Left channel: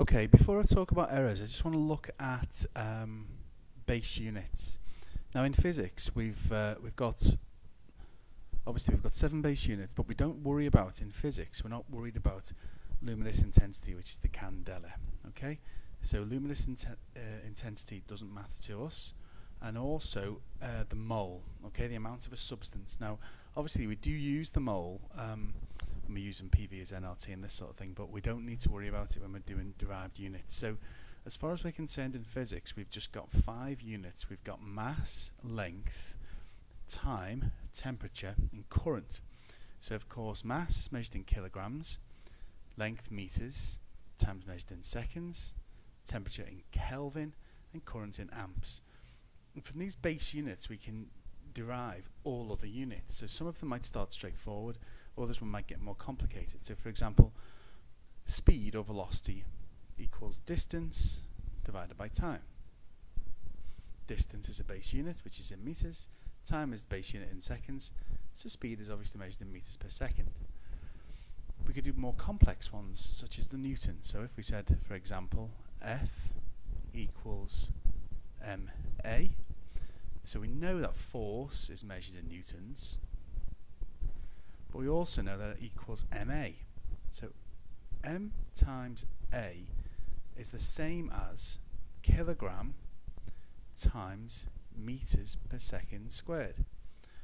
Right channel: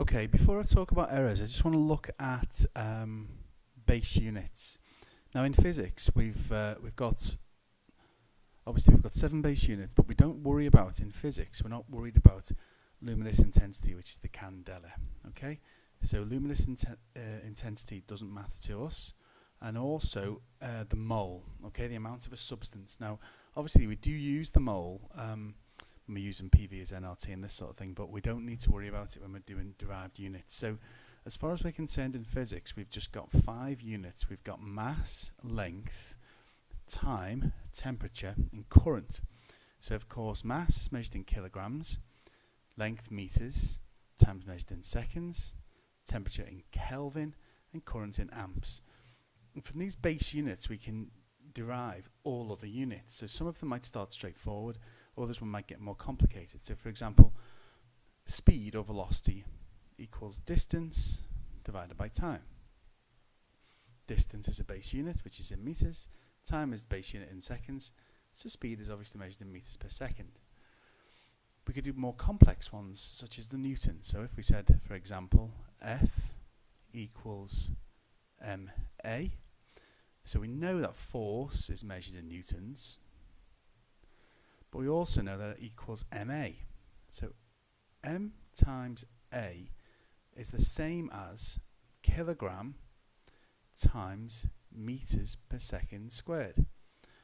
Okay, before I talk about errors, I just want to look at base units. Now in physics, we've got 7 base units, but we don't worry about in physics. We're not worried about luminous intensity, which is the candela. Okay, so luminous intensity doesn't matter to us, and also the mole. Okay, the amount of a substance. Now, obviously, we do use the mole. We're using PV as nRT and this sort of thing, but we don't need to worry about it when we're doing derived units. So as far as we're concerned in physics, we've just got 5 units. We've got mass, length, time, temperature, and current. So of course mass is measured in kilograms, length meters, time is measured in seconds, temperature in Kelvin, and current in amps. And from these base units we can derive all other units. So some of them might start straightforward, others might get more complicated. So for example, speed or velocity equals distance divided by time. Distance is a base unit, which is in meters. Time is the base unit in seconds. So speed is obviously measured in meters per second. We could do more complex ones, such as the Newton. So if we said, for example, F equals ma, so we know that force is measured in newtons, but we also know that it equals ma. So m times a is the same as kilogram times meters per second squared.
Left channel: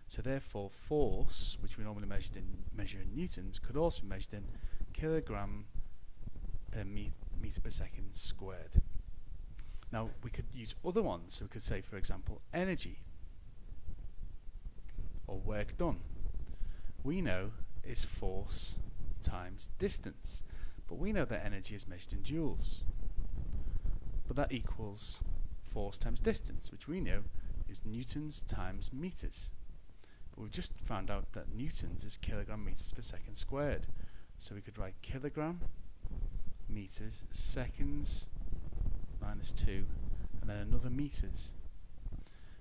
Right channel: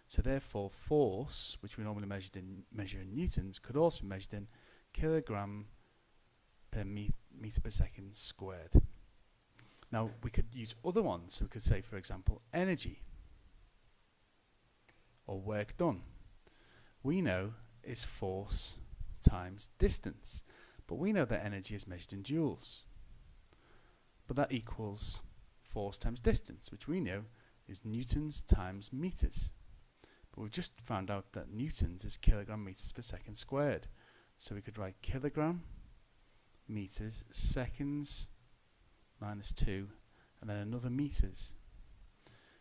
So therefore force, which we normally measure in newtons, could also be measured in kilogram per meter per second squared. Now we could use other ones. So we could say, for example, energy or work done. We know is force times distance, but we know that energy is measured in joules. But that equals force times distance, which we know is newtons times meters. But we've just found out that newtons is kilogram meters per second squared. So we could write kilogram meters seconds minus 2, and then another meters.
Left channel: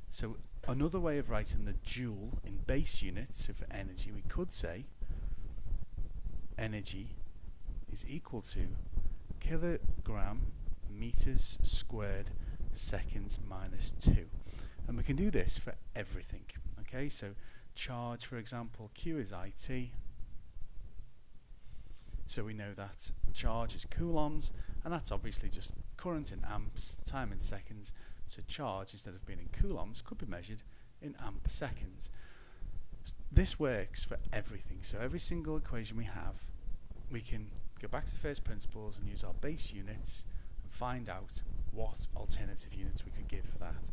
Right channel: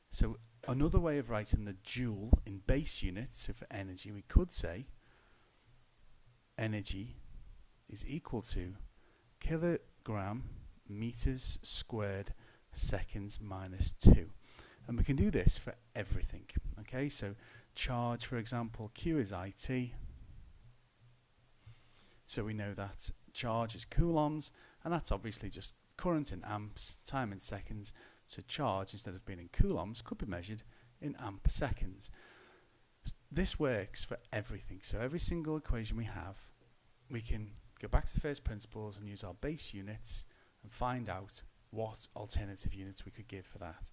So another way of writing the joule in base units, so for energy, we could say energy is equal to kilogram meters squared seconds minus 2. And we can do this for everything. Okay, so charge, for example, Q is IT. So we know that charge is coulombs, and that's obviously just current in amps, time in seconds. So charge, instead of being in coulombs, could be measured in amp seconds. This works for everything. So every single equation we have, we can go back to first principles and use our base units and find out what alternative units we could give for that.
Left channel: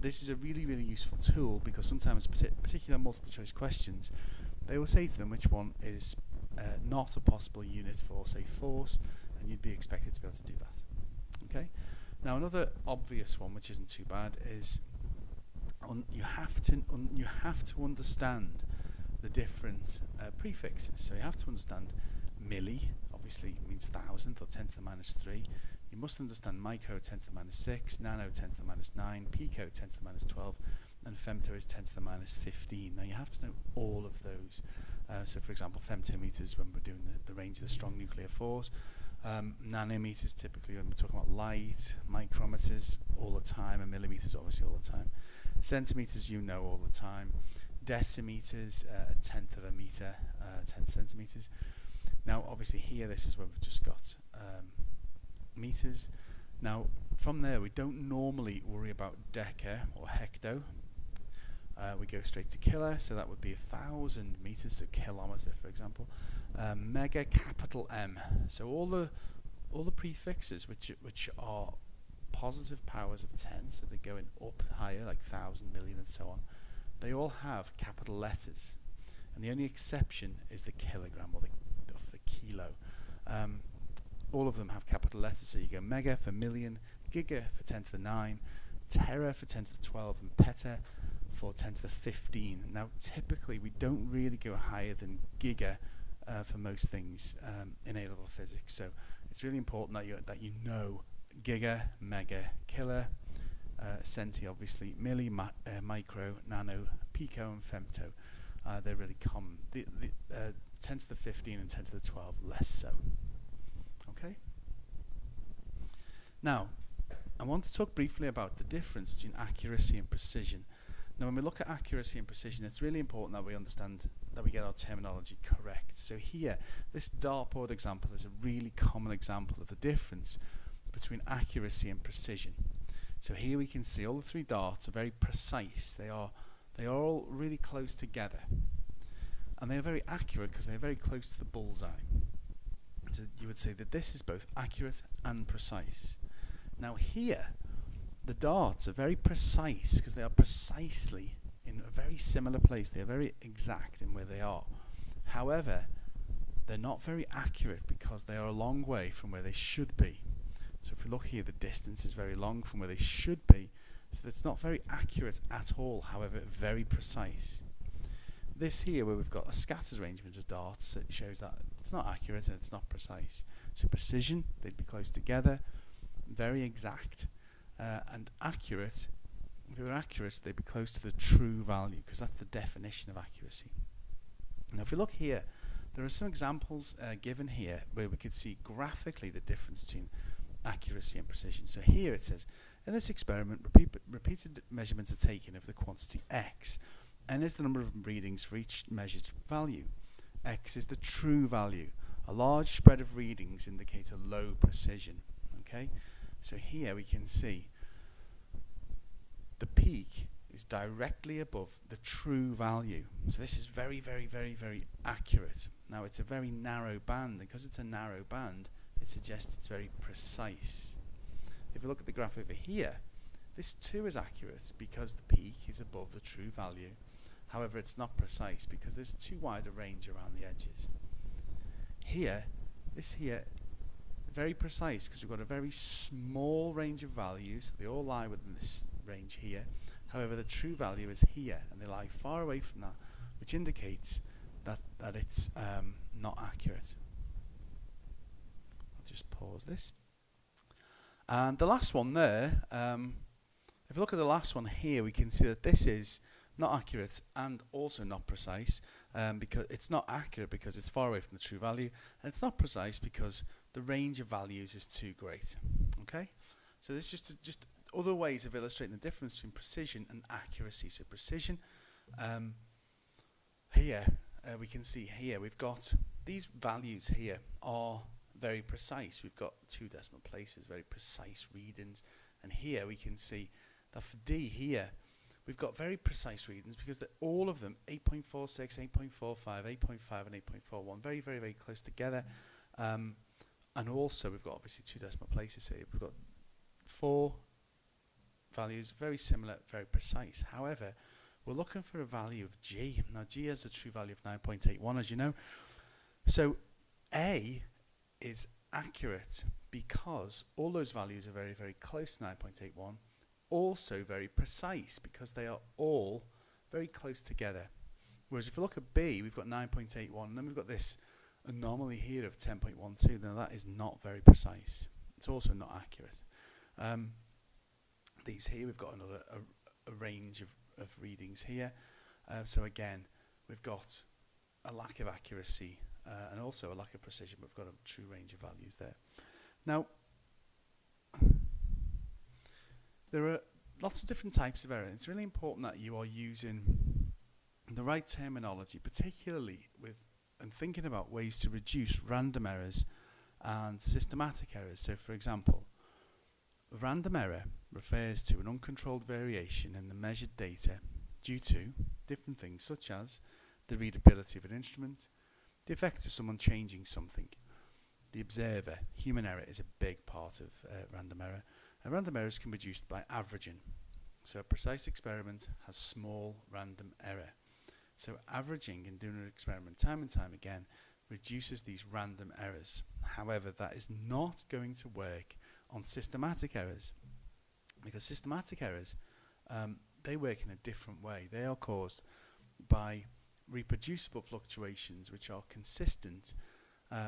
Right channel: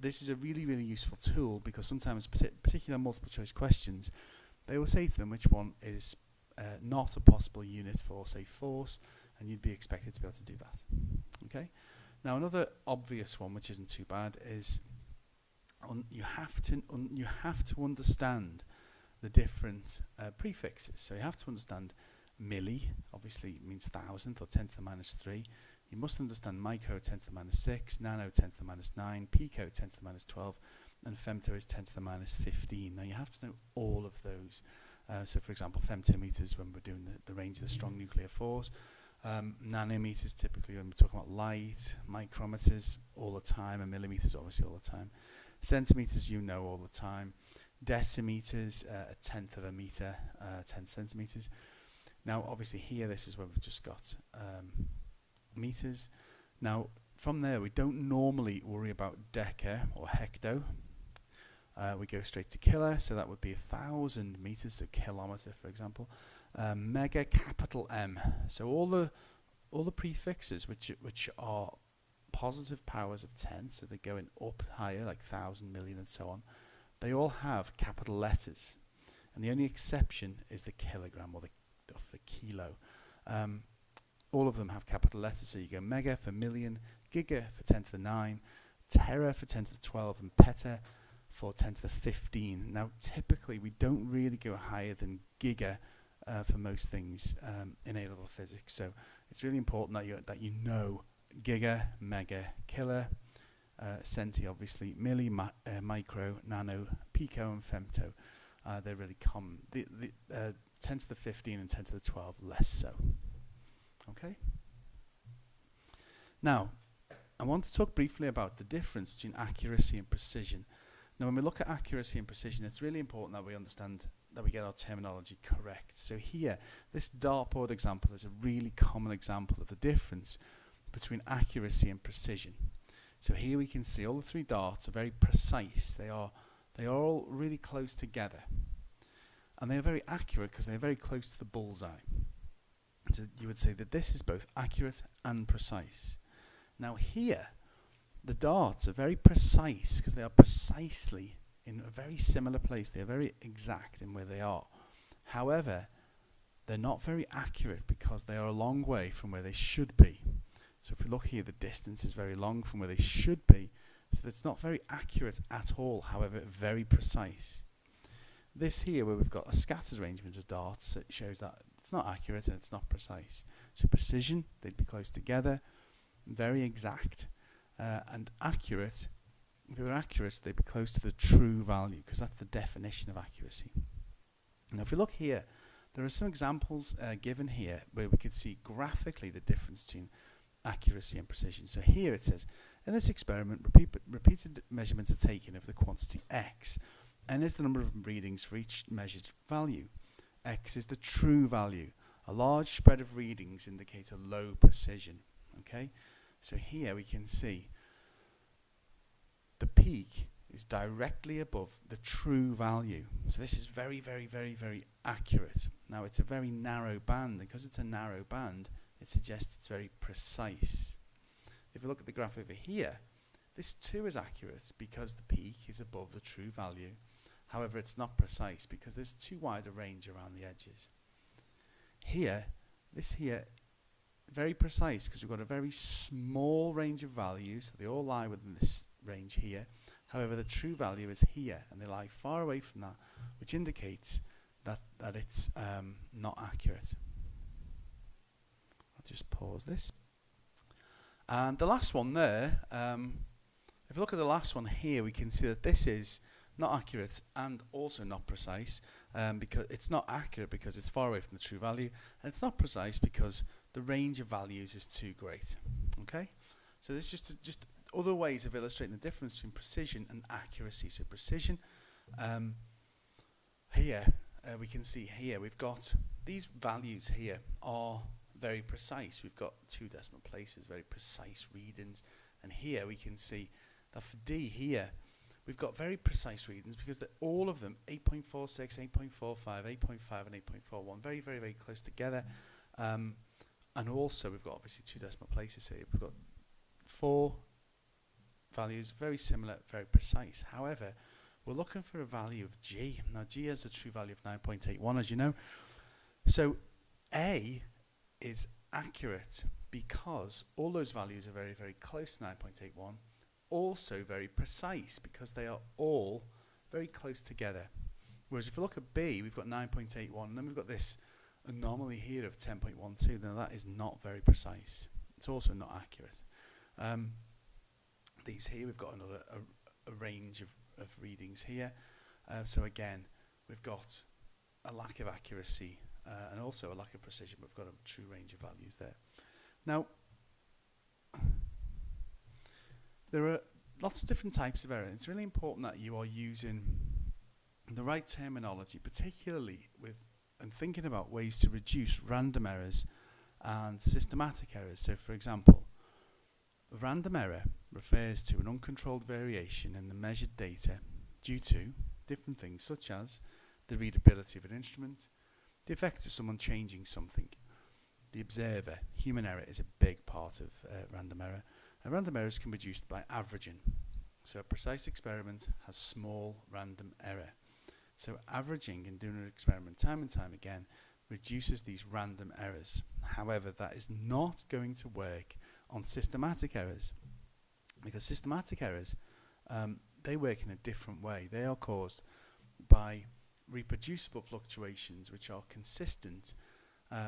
This is a really, really useful tool, because sometimes particular multiple choice questions, they will say to them which one is not a possible unit for, say, force, and you'd be expected to be able to do that. Okay. Now another obvious one, which isn't too bad, is you have to understand the different prefixes. So you have to understand milli, obviously means thousandth or 10 to the minus 3. You must understand micro, 10 to the minus 6, nano, 10 to the minus 9, pico, 10 to the minus 12, and femto is 10 to the minus 15. Now you have to know all of those. So for example, femtometers when we're doing the range of the strong nuclear force, nanometers typically when we're talking about light, micrometers all the time, and millimeters obviously all the time. Centimeters you know all the time. Decimeters, a tenth of a meter, 10 centimeters. Now obviously here this is where we've just got meters. Now from there we don't normally worry about deca or hecto. We go straight to kilo, so that would be 1,000 meters, so kilometer for example. Mega, capital M. So all the prefixes which are positive powers of 10, so they're going up higher, like 1,000, million, and so on. They all have capital letters, and the only exception is the kilogram or the kilo. All of them have capital letters, so you go mega for million, giga for 10 to the 9, tera for 10 to the 12, and peta for 10 to the 15. Now typically we don't really go higher than giga for most things in A-level physics, so it's really important that you know giga, mega, kilo, centi obviously, milli, micro, nano, pico, and femto. They're really common. The 10 to the 15 and 10 to the 12 less so. Okay. Now, I want to talk briefly about the difference between accuracy and precision. Now, when we look at accuracy and precision, it's really important that we understand that we get our terminology correct. So here, this dartboard example is a really common example of the difference between accuracy and precision. So here we can see all the three darts are very precise. They are all really close together. And they are very accurate because they're very close to the bullseye. So you would say that this is both accurate and precise. Now here, the darts are very precise because they are precisely in a very similar place. They are very exact in where they are. However, they're not very accurate because they are a long way from where they should be. So if we look here, the distance is very long from where they should be. So it's not very accurate at all, however, very precise. This here, where we've got a scattered arrangement of darts, it shows that it's not accurate and it's not precise. So precision, they'd be close together, very exact. And accurate, if they were accurate, they'd be close to the true value, because that's the definition of accuracy. Now if we look here, there are some examples given here where we could see graphically the difference between accuracy and precision. So here it says, in this experiment, repeated measurements are taken of the quantity x. N is the number of readings for each measured value. X is the true value. A large spread of readings indicate a low precision. Okay? So here we can see the peak is directly above the true value. So this is very, very, very, very accurate. Now it's a very narrow band, and because it's a narrow band, it suggests it's very precise. If we look at the graph over here, this too is accurate because the peak is above the true value. However, it's not precise because there's too wide a range around the edges. Here, this here, very precise because we've got a very small range of values. So they all lie within this range here. However, the true value is here, and they lie far away from that, which indicates that it's not accurate. I'll just pause this. And the last one there, if you look at the last one here, we can see that this is not accurate and also not precise, because it's not accurate because it's far away from the true value, and it's not precise because the range of values is too great. Okay, so this is just other ways of illustrating the difference between precision and accuracy. So precision, here we can see here we've got these values here are very precise. We've got 2 decimal places, very precise readings, and here we can see that for D here we've got very precise readings because they're all of them 8.46, 8.45, 8.5 and 8.41, very, very, very close together. And also we've got obviously 2 decimal places here. We've got 4 values, very similar, very precise. However, we're looking for a value of G. Now G has a true value of 9.81, as you know. So A is accurate because all those values are very, very close to 9.81. Also very precise because they are all very close together. Whereas if you look at B, we've got 9.81, and then we've got this anomaly here of 10.12. Now that is not very precise. It's also not accurate. These here, we've got another a range of readings here. So again, we've got a lack of accuracy and also a lack of precision. We've got a true range of values there. Now, there are lots of different types of error. It's really important that you are using the right terminology, particularly with and thinking about ways to reduce random errors and systematic errors. So for example, random error refers to an uncontrolled variation in the measured data due to different things such as the readability of an instrument, the effect of someone changing something, the observer. Human error is a big part of random error. And random errors can be reduced by averaging. So a precise experiment has small random error. So averaging and doing an experiment time and time again reduces these random errors. However, that is not going to work on systematic errors, because systematic errors, they work in a different way. They are caused by reproducible fluctuations which are consistent.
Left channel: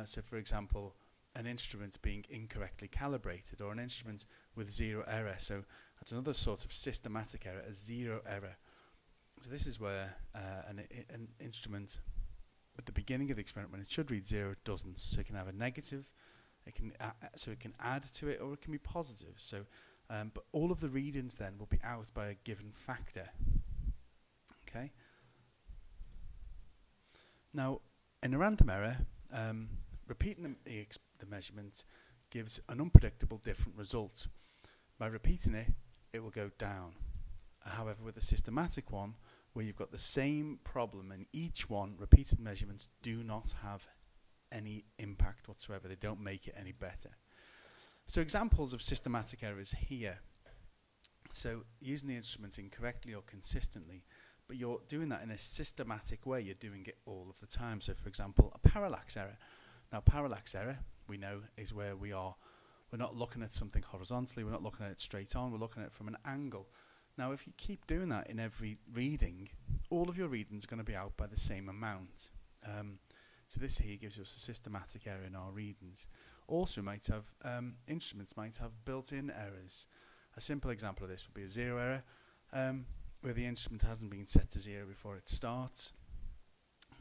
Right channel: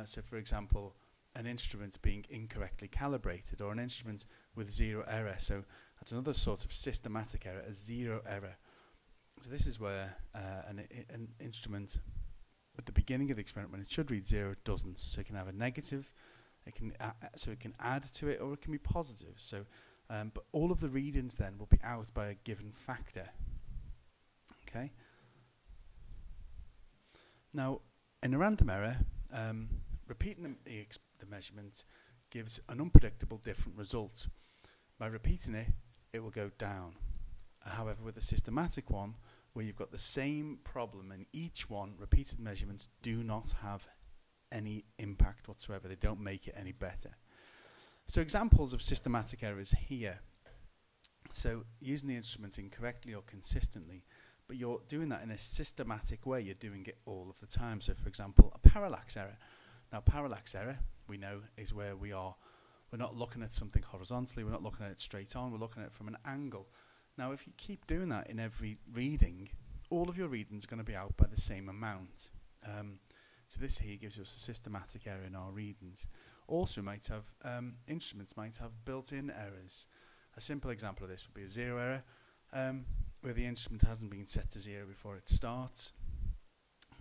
So for example, an instrument being incorrectly calibrated, or an instrument with 0 error. So that's another sort of systematic error, a 0 error. So this is where an instrument at the beginning of the experiment, when it should read 0, it doesn't. So it can have a negative It can so it can add to it or it can be positive. So, but all of the readings then will be out by a given factor. Okay. Now, in a random error, repeating the measurement gives an unpredictable different result. By repeating it, it will go down. However, with a systematic one, where you've got the same problem in each one, repeated measurements do not have any impact whatsoever. They don't make it any better. So examples of systematic errors here. So using the instrument incorrectly or consistently, but you're doing that in a systematic way. You're doing it all of the time. So for example, a parallax error. Now parallax error, we know, is where we're not looking at something horizontally, we're not looking at it straight on, we're looking at it from an angle. Now if you keep doing that in every reading, all of your readings are going to be out by the same amount. So this here gives us a systematic error in our readings. Also might have, instruments might have built-in errors. A simple example of this would be a zero error, where the instrument hasn't been set to 0 before it starts.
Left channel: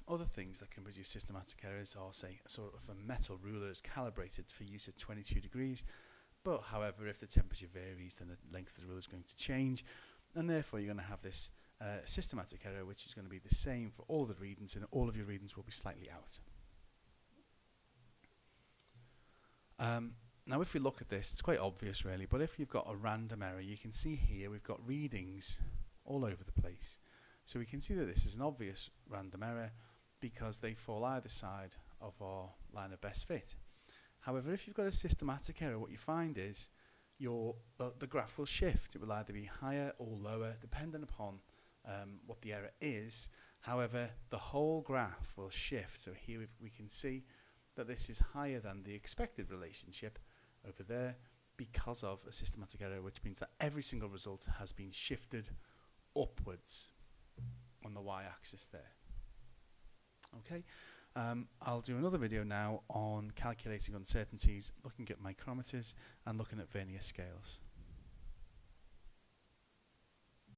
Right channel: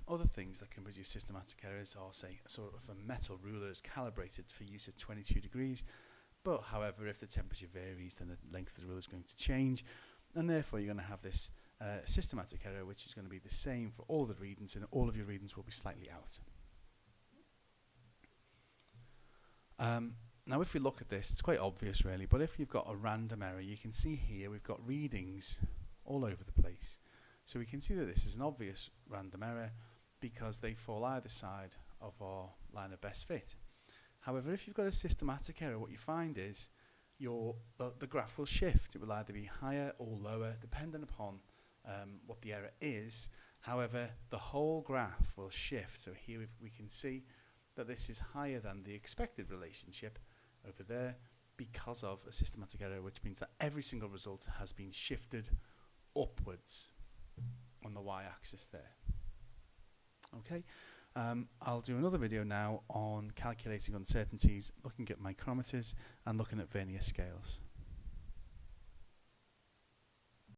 Other things that can produce systematic errors are, say, a sort of a metal ruler is calibrated for use at 22 degrees, but however, if the temperature varies, then the length of the ruler is going to change, and therefore you're going to have this systematic error, which is going to be the same for all the readings, and all of your readings will be slightly out. Now if we look at this, it's quite obvious really, but if you've got a random error, you can see here we've got readings all over the place. So we can see that this is an obvious random error because they fall either side of our line of best fit. However, if you've got a systematic error, what you find is the graph will shift. It will either be higher or lower depending upon what the error is. However, the whole graph will shift. So here we can see that this is higher than the expected relationship over there because of a systematic error, which means that every single result has been shifted upwards on the y-axis there. Okay, I'll do another video now on calculating uncertainties, looking at micrometers and looking at vernier scales.